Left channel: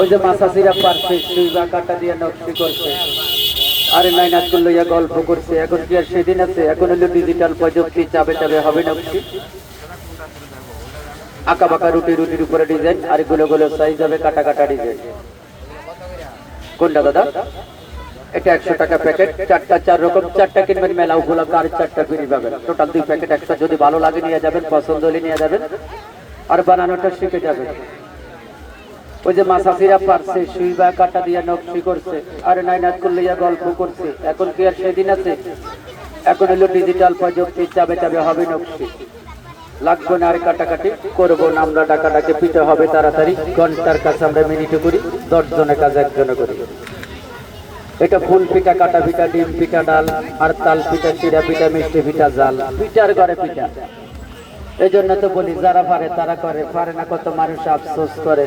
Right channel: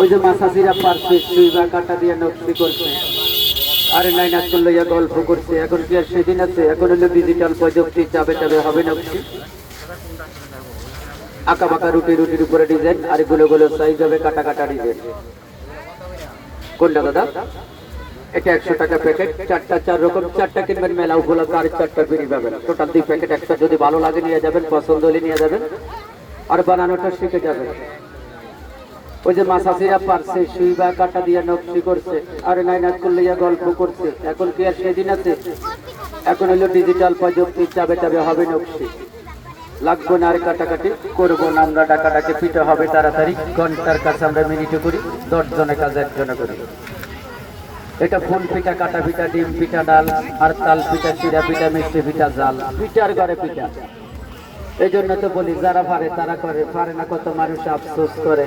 ওই যে মাসাসিরা পারছে সুইবা কাটা দিয়ে নকশি করছে, আরে নাইনাতকুল লইয়া গল্প করছে। এখন কি আর সেদিন আছে? এখন হলো ডিজিটাল প্রযুক্তি, চাবে চাবে হবে নকশি। আঁকা বাঁকা রুটির উপরে ডিজাইন, আর গুলো গুলো সাইজ হবে, কাটা কাটা ডিজাইন। কোনটা দাদা? এটা 100 টাকা প্যাকেট, চারটা, 4 রকম, 4টা কিনবেন মেলা উপলক্ষে, আর 4টা ফ্রি পাবেন। টোটাল 2 প্যাকেট একশো। যদি ভালো লাগে নিয়ে যাবেন, পছন্দ হলে নিয়ে যাবেন, আর বানানোটা শিখে যাবেন। ওই যে মাসাসিরা পারছে সুইবা কাটা দিয়ে নকশি করছে, আর নাইনাতকুল লইয়া গল্প করছে। এখন কি আর সেদিন আছে? এখন হলো ডিজিটাল প্রযুক্তি, চাবে চাবে হবে নকশি। লাগবে না আর কাটাকাটি, করবো না আমরা ডাকাডাকি, পিঠে হবে তাড়াতাড়ি। ঘন্টার কাছে আমরা মিনিটে করি, 10 জনের কাজ 1 জনে করি। এটা ফুল পিঠা, কাটা পিঠা, ডিম পিঠা, ডাল আর তাল পিঠা, শিরা পিঠা, মিষ্টি পিঠা, জাল পিঠার ঘরে পিঠা। এই জন্য তো বলি, যারা পারে তারা করে, পারে না কত মানুষ আফসোস করে।